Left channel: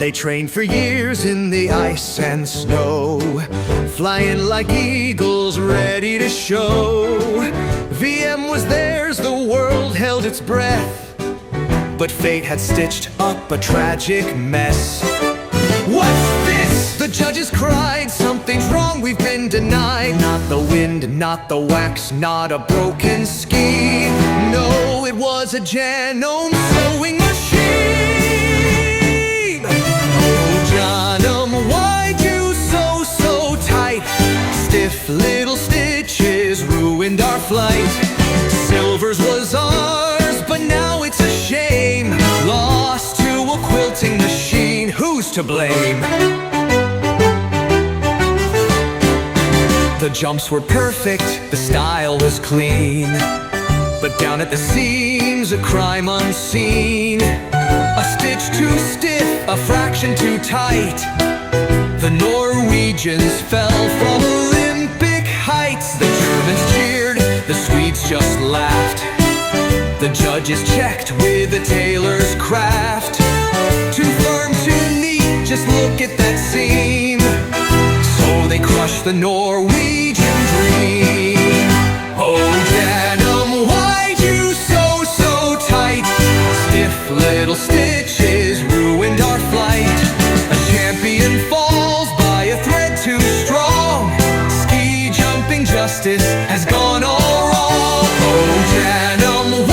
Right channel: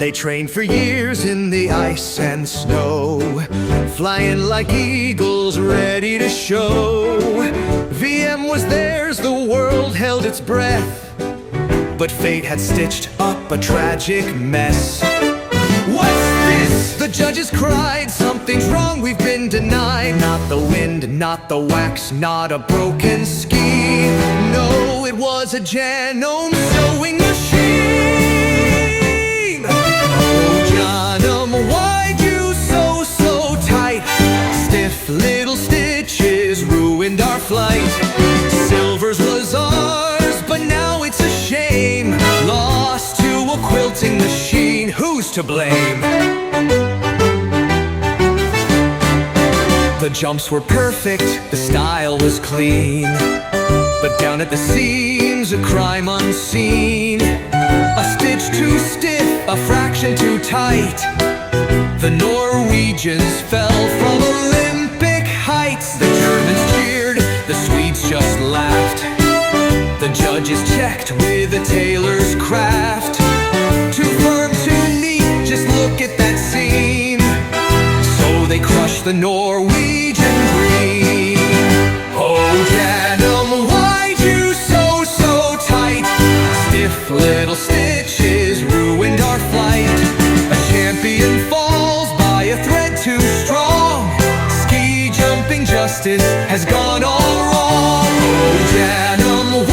They trained for years in the ice and snow, flying like eagles ready to show. VM was theirs, the world held its breath, but fate had stitched up a tragic mess. What's this? The judges cried, something's wrong, we've been denied. Not the wind, not the wax, not a broken ski. No, it was a janome sewing machine. Oh, janome, why'd you sew so tight? Stiff little stitches ruined our flight. Silver's was ours, but now it's a shame. Lost to a quilting machine, who's to blame? The jumps were perfect, the style was clean, but down at the seams, a crime unseen. A stitch too stiff, a fraction too tight. The Norwegians fell from Olympic heights. The Germans cheered, the Swedes just laughed. The judges checked with the tailor's craft. Too firm, too neat, just look at that seam. So they crushed the Norwegian dream. Oh, janome, why'd you sew so tight? Stiff little stitches ruined our flight. A champion falls by a thread too strong. Ski jumping justice has gone all wrong. Oh, janome,